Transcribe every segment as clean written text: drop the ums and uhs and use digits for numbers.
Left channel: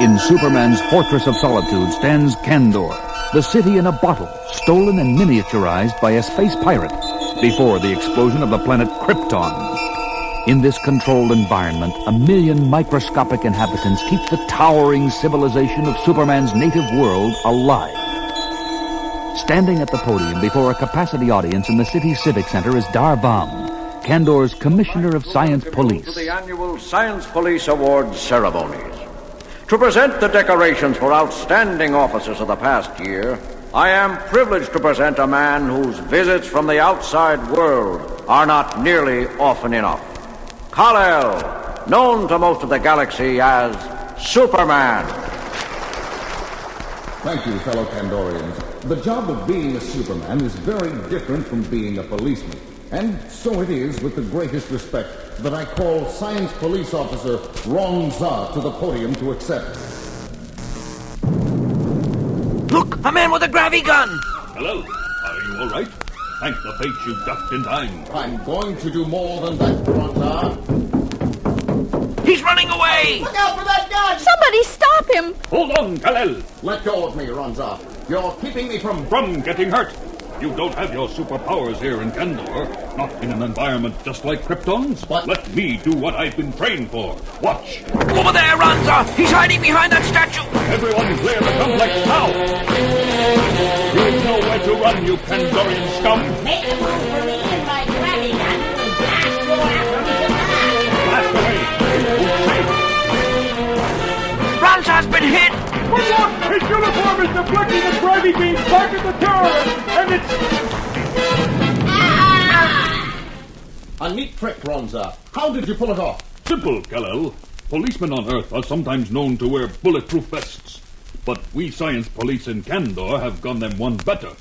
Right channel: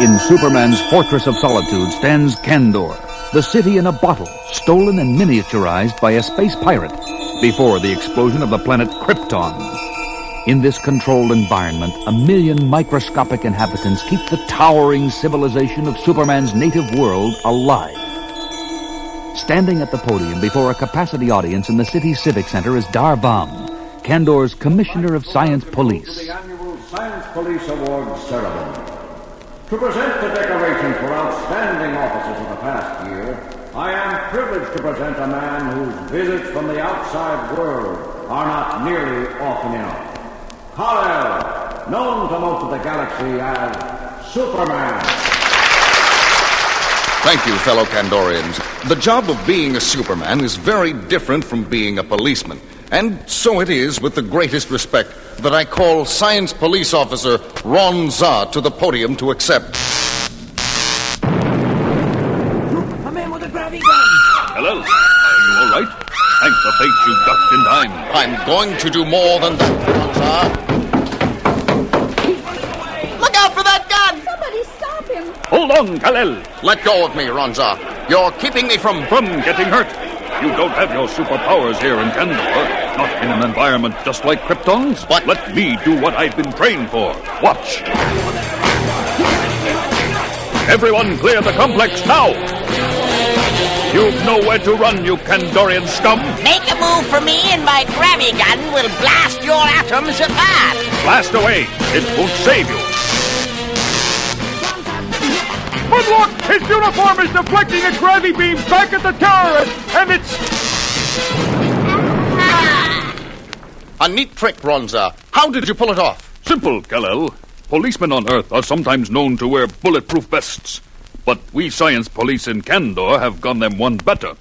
In Superman's Fortress of Solitude stands Kandor, the city in a bottle, stolen and miniaturized by a space pirate before the explosion of the planet Krypton. In this controlled environment, 1 million microscopic inhabitants keep the towering civilization of Superman's native world alive. Standing at the podium before a capacity audience in the city's civic center is Dar-Vam, Kandor's Commissioner of Science Police. To the annual Science Police Awards ceremonies. To present the decorations for outstanding officers of the past year, I am privileged to present a man whose visits from the outside world are not nearly often enough. Kal-El, known to most of the galaxy as Superman. Thank you, fellow Kandorians. The job of being a Superman is very different from being a policeman. And so it is with the greatest respect that I call Science Police Officer Ron Za to the podium to accept. Look, a man with a gravity gun! Hello, are you all right? Thank the fates you ducked in time. I'm going to do more than that, Ron Za. He's running away! Look out for that gun! Somebody stop him! Hold on, Kal-El. Let go of me, Ron Za. You're keeping me from Getting hurt. You don't have your superpowers here in Kandor. Not in an environment just like Krypton's. But let me do what I've been trained for. Watch. Over there, Ranza! He's hiding behind that statue! Everyone clear the complex now. You've nowhere to run, you Kandorian scum. Make a move for me and my gravity gun will blast your atoms apart. Blast away. It won't save you. Ranza's been hit! But look! His uniform is deflecting a gravity beam back at the terrorist, and it's... a neat trick, Ron Za. How did you pull it off? Simple, Kal-El. Policemen on Earth are sometimes known to wear bulletproof vests. But we science police in Kandor have gone them one better.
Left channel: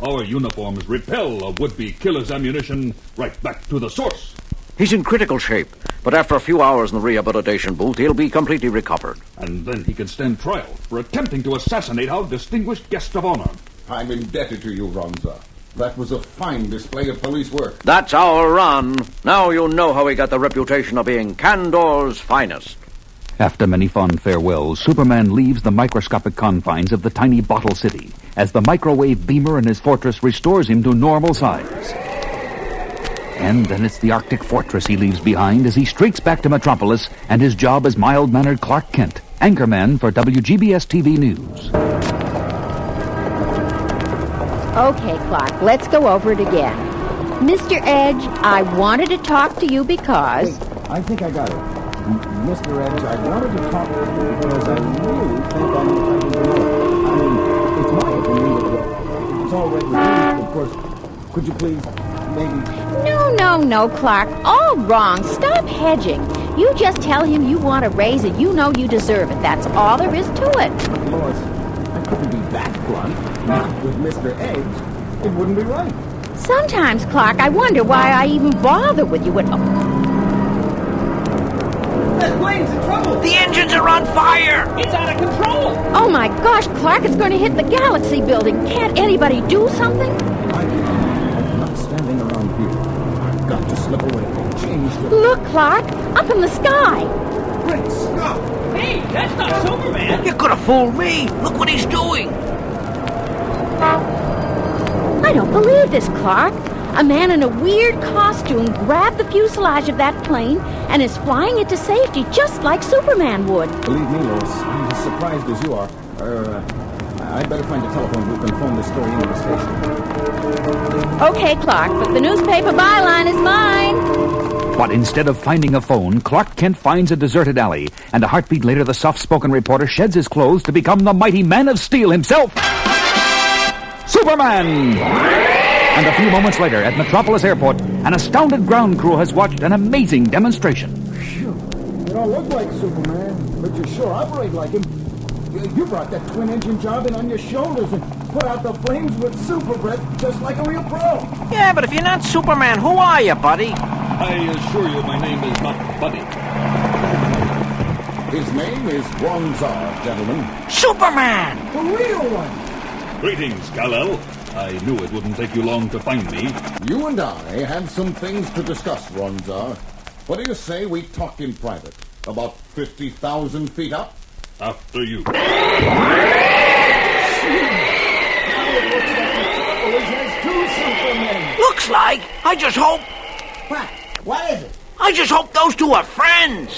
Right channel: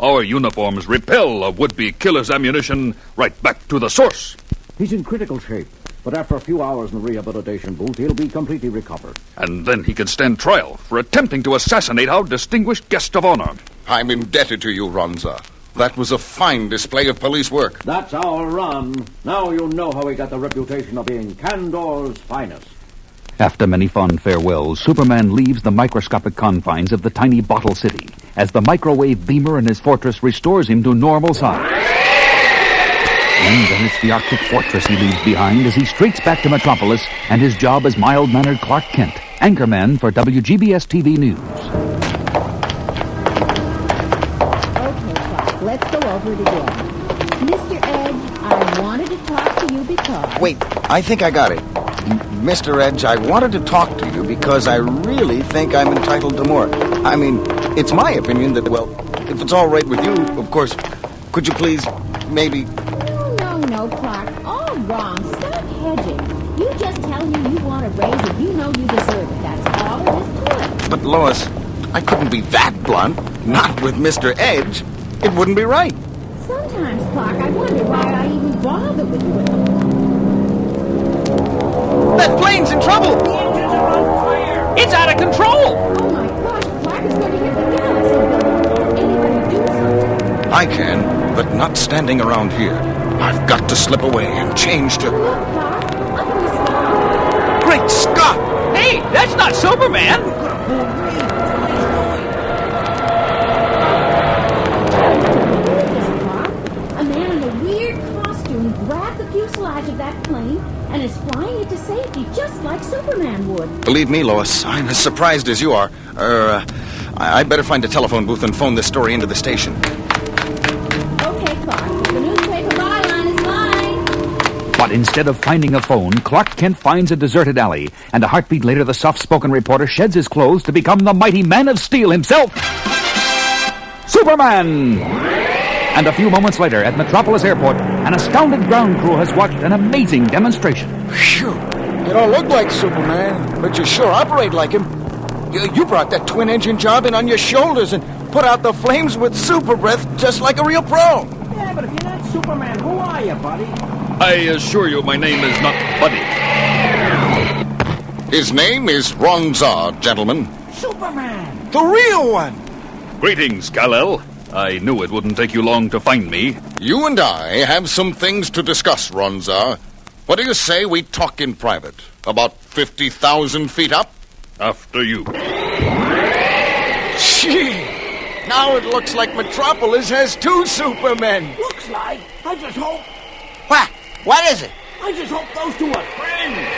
Our uniforms repel a would-be killer's ammunition right back to the source. He's in critical shape, but after a few hours in the rehabilitation booth, he'll be completely recovered. And then he can stand trial for attempting to assassinate our distinguished guest of honor. I'm indebted to you, Ron Za. That was a fine display of police work. That's our Ron. Now you know how he got the reputation of being Kandor's finest. After many fond farewells, Superman leaves the microscopic confines of the tiny bottle city as the microwave beamer in his fortress restores him to normal size. And then it's the Arctic fortress he leaves behind as he streaks back to Metropolis and his job as mild-mannered Clark Kent, anchorman for WGBS-TV News. Okay, Clark, let's go over it again. Mr. Edge, I wanted to talk to you because... Wait, I think I got it. Mr. Edge, I wanted to talk to you because I really think I'm entitled to more. I mean, it's my opinion that, well, if it's all right with you, of course, could you please, maybe... No, Clark. All wrong. Stop hedging. You just tell him you want a raise and you know you deserve it. That's all there is to it. But, Lois, I couldn't be that blunt. Not with Mr. Edge. It wouldn't be right. Sometimes, Clark, I wonder why I even bother with you at all. That plane's in trouble! The engines are on fire! It's out of control! Oh my gosh, Clark, it's going to hit the Galaxy building. Can't anybody do something? I can, but not standing around here. I've got to slip away and change to... Look, Clark, up in the sky. Great Scott! Hey, that's not Superman! You could have fooled me! Look what he's doing! I don't believe this, Clark. A man in a weird costume grabbed the fuselage of that plane and is flying it to safety just like Superman would. Believe me, Lois, I'm as surprised as you are. I'd better find a telephone booth and phone this story into the station. Okay, Clark, but the newspaper byline is mine. But instead of finding a phone, Clark Kent finds a deserted alley, and a heartbeat later the soft-spoken reporter sheds his clothes to become the mighty Man of Steel himself, Superman! And a few moments later, at Metropolis Airport, an astounded ground crew has watched an amazing demonstration. Phew. You don't look like Superman, but you sure operate like him. You brought that twin-engine job in on your shoulders and put out the flames with super breath just like a real pro. Yeah, but if you're not Superman, who are you, buddy? I assure you my name is not Buddy. His name is Ron Za, gentlemen. Superman! The real one! Greetings, Kal-El. I knew it wouldn't take you long to find me. You and I have some things to discuss, Ron Za. What do you say we talk in private? About 50,000 feet up? After you. Now it looks like Metropolis has two Supermen. Looks like. I just hope. What? What is it? I just hope those two are friends.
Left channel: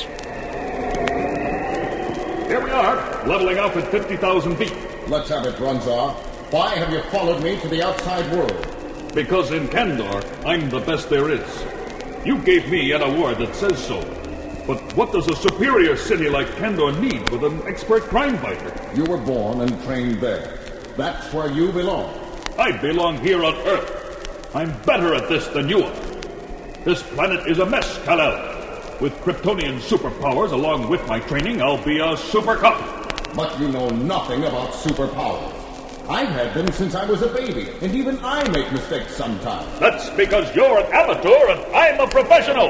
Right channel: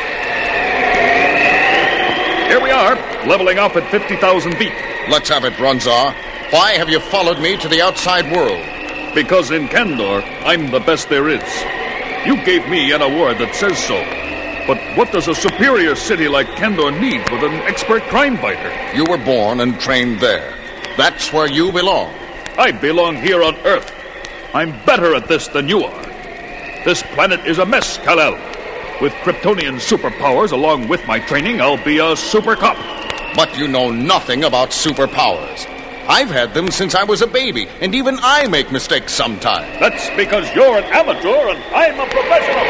Here we are, leveling off at 50,000 feet. Let's have it, Ronzar. Why have you followed me to the outside world? Because in Kandor, I'm the best there is. You gave me an award that says so. But what does a superior city like Kandor need with an expert crime fighter? You were born and trained there. That's where you belong. I belong here on Earth. I'm better at this than you are. This planet is a mess, Kal-El. With Kryptonian superpowers along with my training, I'll be a super cop. But you know nothing about superpowers. I've had them since I was a baby, and even I make mistakes sometimes. That's because you're an amateur and I'm a professional.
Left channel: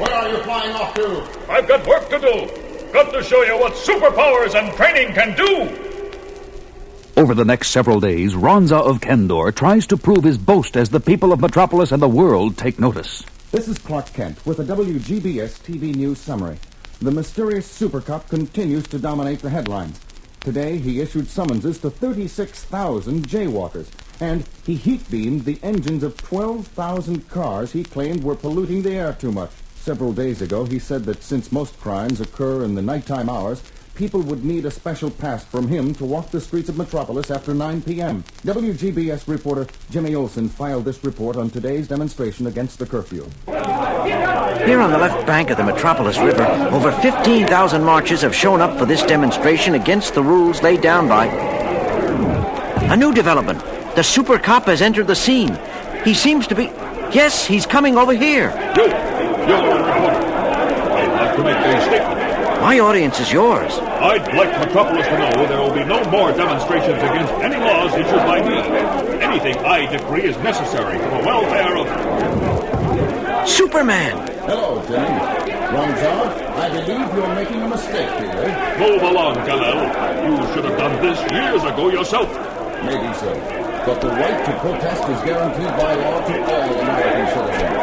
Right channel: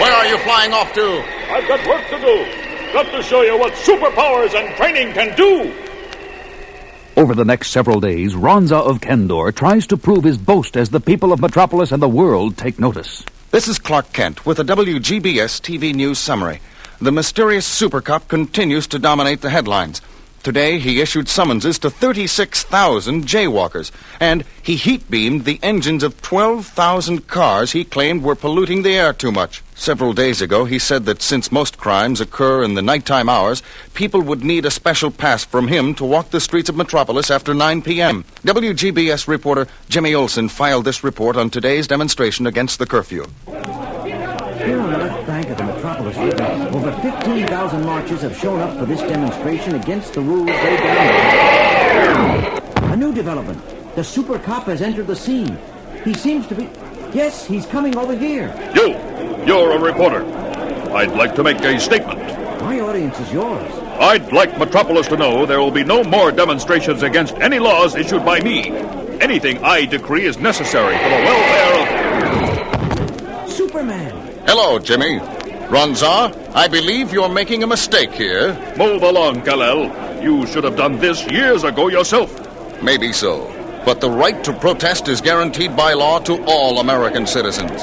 Where are you flying off to? I've got work to do. Got to show you what superpowers and training can do. Over the next several days, Ronza of Kandor tries to prove his boast as the people of Metropolis and the world take notice. This is Clark Kent with a WGBS TV News summary. The mysterious super cop continues to dominate the headlines. Today, he issued summonses to 36,000 jaywalkers, and he heat-beamed the engines of 12,000 cars he claimed were polluting the air too much. Several days ago, he said that since most crimes occur in the nighttime hours, people would need a special pass from him to walk the streets of Metropolis after 9 p.m. WGBS reporter Jimmy Olsen filed this report on today's demonstration against the curfew. Here on the left bank of the Metropolis River, over 15,000 marchers have shown up for this demonstration against the rules laid down by... A new development. The super cop has entered the scene. He seems to be... Yes, he's coming over here. You're a reporter. I'd like to make a statement. My audience is yours. I'd like Metropolis to know there will be no more demonstrations against any laws issued by me. Anything I decree is necessary for the welfare of... Superman! Hello, Jimmy. Ronzar, I believe you're making a mistake here. Move along, Kal-El. You should have done this years ago yourself. Maybe so. But the right to protest is guaranteed by law to all American citizens.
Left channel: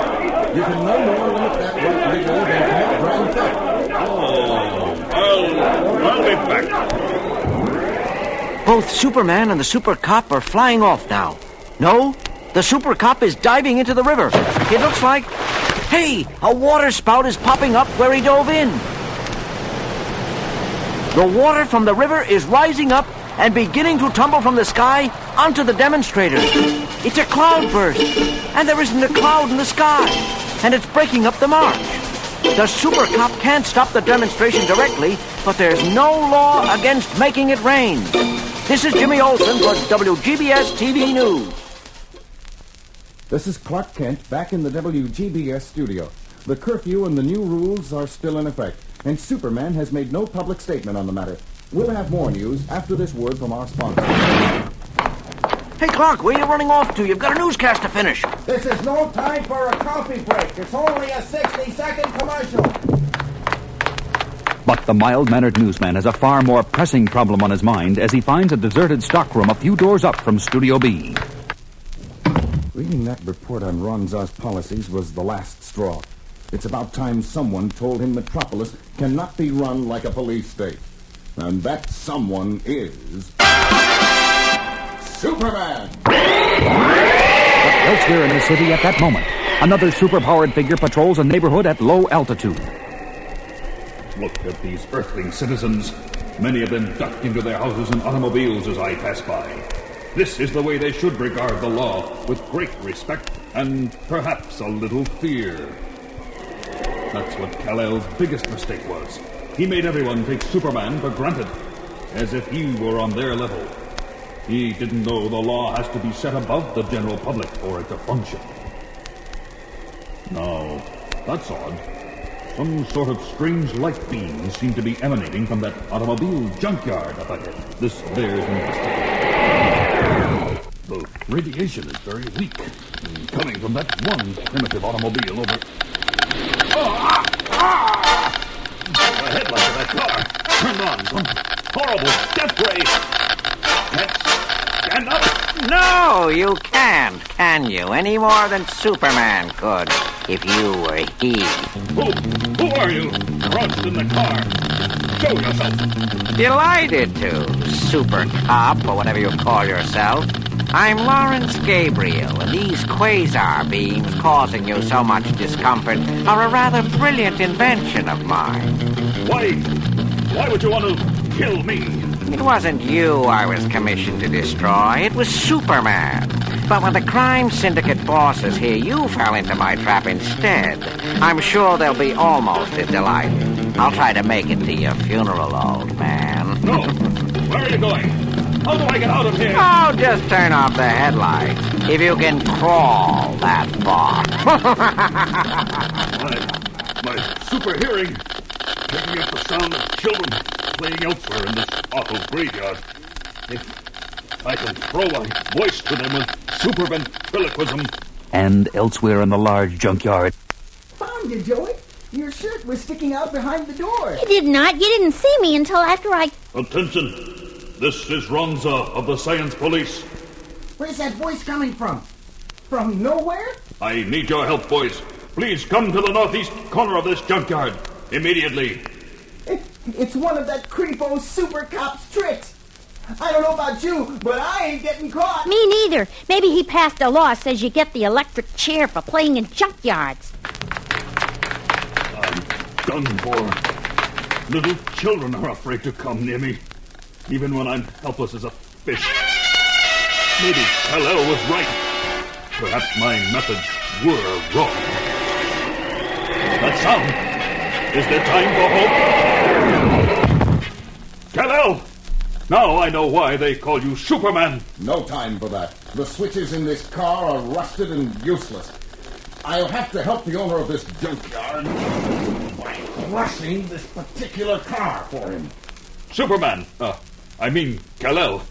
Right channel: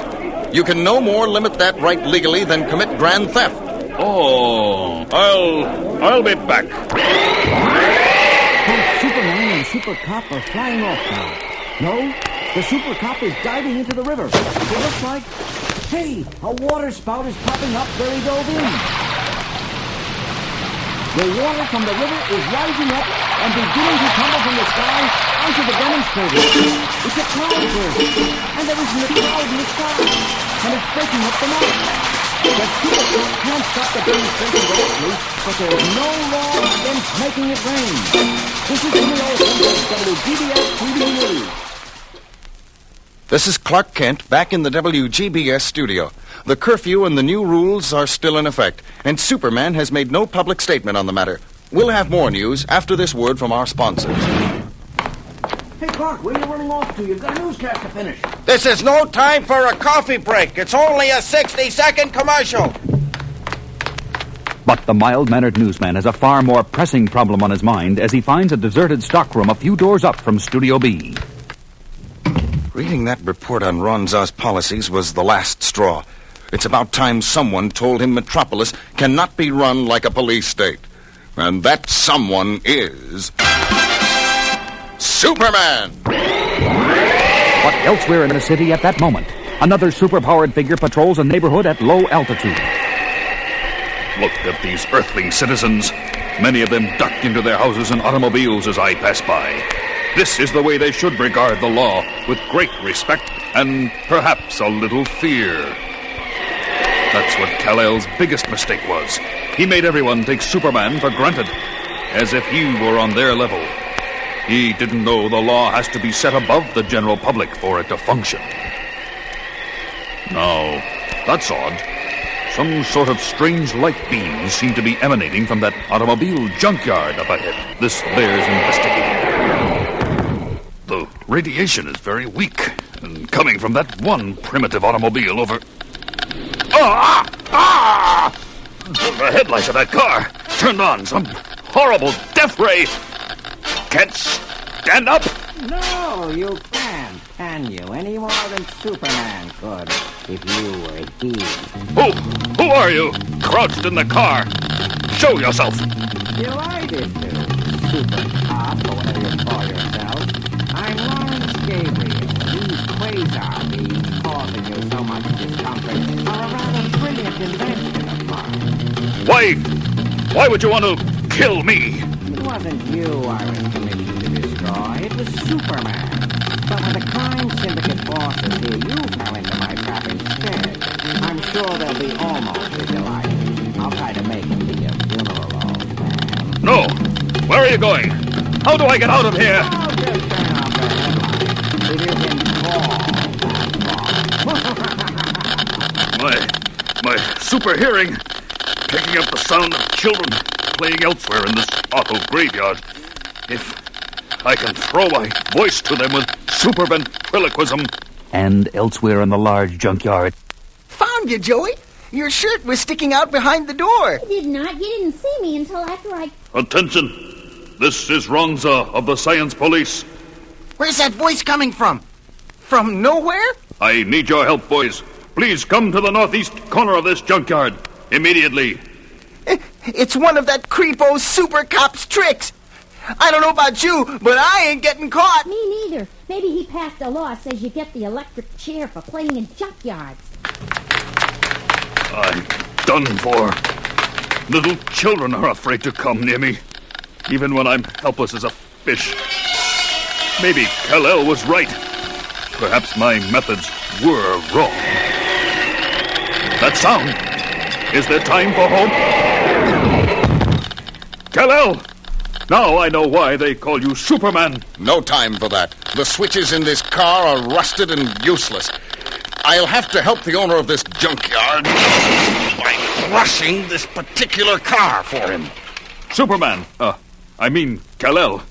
You can no more limit that right legally than commit grand theft. Oh, I'll be back. Both Superman and the super cop are flying off now. No, the super cop is diving into the river. It looks like... Hey, a water spout is popping up where he dove in. The water from the river is rising up and beginning to tumble from the sky onto the demonstrators. It's a cloudburst, and there isn't a cloud in the sky, and it's breaking up the mark. The super cop can't stop the demonstration directly, but there's no law against making it rain. This is Jimmy Olsen for WGBS TV News. This is Clark Kent back in the WGBS studio. The curfew and the new rules are still in effect, and Superman has made no public statement on the matter. We'll have more news after this word from our sponsors. Hey, Clark, where are you running off to? You've got a newscast to finish. This is no time for a coffee break. It's only a 60-second commercial. But the mild-mannered newsman has a far more pressing problem on his mind as he finds a deserted stockroom a few doors up from Studio B. Reading that report on Ronza's policies was the last straw. It's about time someone told him Metropolis cannot be run like a police state. And that someone is... Superman! But elsewhere in the city at that moment, another superpowered figure patrols a neighborhood at low altitude. Look at these earthling citizens. Many of them duck into their houses and automobiles as I pass by. This is the way they should regard the law, with great respect and perhaps a little fear. That's what Kal-El's biggest mistake was. He made everyone take Superman for granted, as if he were on their level. He didn't know the law has to be set above the general public for it to function. Now, that's odd. Some sort of strange light beams seem to be emanating from that automobile junkyard up ahead. This bears investigating. The radiation is very weak, and coming from that one primitive automobile over... The headlights of that car turned on some horrible death ray. Can't stand up. No, you can't, can you? Any more than Superman could. if you were he. Who are you? Crouched in the car. Show yourself. Delighted to, super cop, or whatever you call yourself. I'm Lawrence Gabriel, and these quasar beams causing you so much discomfort are a rather brilliant invention of mine. Why would you want to kill me? It wasn't you I was commissioned to destroy. It was Superman. But when the crime syndicate bosses hear you fell into my trap instead, I'm sure they'll be almost as delighted. I'll try to make it to your funeral, old man. No. Where are you going? How do I get out of here? Oh, just turn off the headlights. If you can crawl that far. My super hearing, picking up the sound of children playing elsewhere in this awful graveyard. If I can throw my voice to them with super ventriloquism. And elsewhere in the large junkyard. Found you, Joey. Your shirt was sticking out behind the door. You did not. You didn't see me until after I... Attention. This is Ronza of the Science Police. Where's that voice coming from? From nowhere? I need your help, boys. Please come to the northeast corner of this junkyard. Immediately. It's one of that creepo super cop's tricks. I don't know about you, but I ain't getting caught. Me neither. Maybe he passed a law says you get the electric chair for playing in junkyards. I'm done for. Little children are afraid to come near me, even when I'm helpless as a fish. Maybe Kal-El was right. Perhaps my methods were wrong. That sound. Is there time for hope? Kal-El! Now I know why they call you Superman. No time for that. The switches in this car are rusted and useless. I'll have to help the owner of this junkyard by crushing this particular car for him. Superman, I mean Kal-El.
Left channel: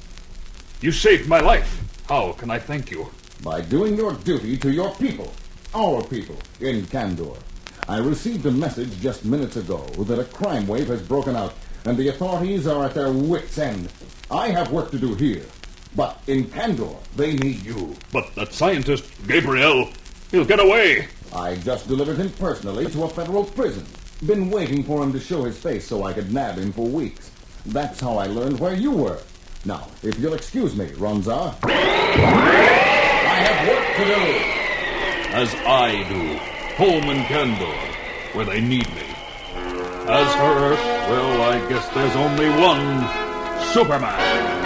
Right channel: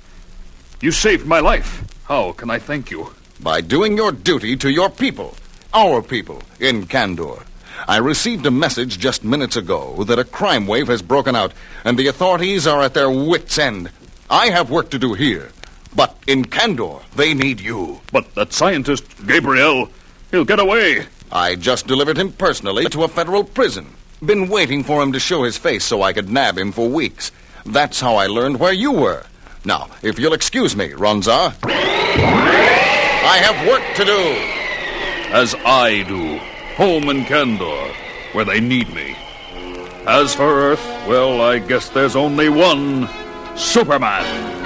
You saved my life. How can I thank you? By doing your duty to your people, our people, in Kandor. I received a message just minutes ago that a crime wave has broken out, and the authorities are at their wits' end. I have work to do here, but in Kandor, they need you. But that scientist, Gabriel, he'll get away. I just delivered him personally to a federal prison. Been waiting for him to show his face so I could nab him for weeks. That's how I learned where you were. Now, if you'll excuse me, Ronza, I have work to do. As I do. Home in Kandor, where they need me. As for Earth, well, I guess there's only one Superman.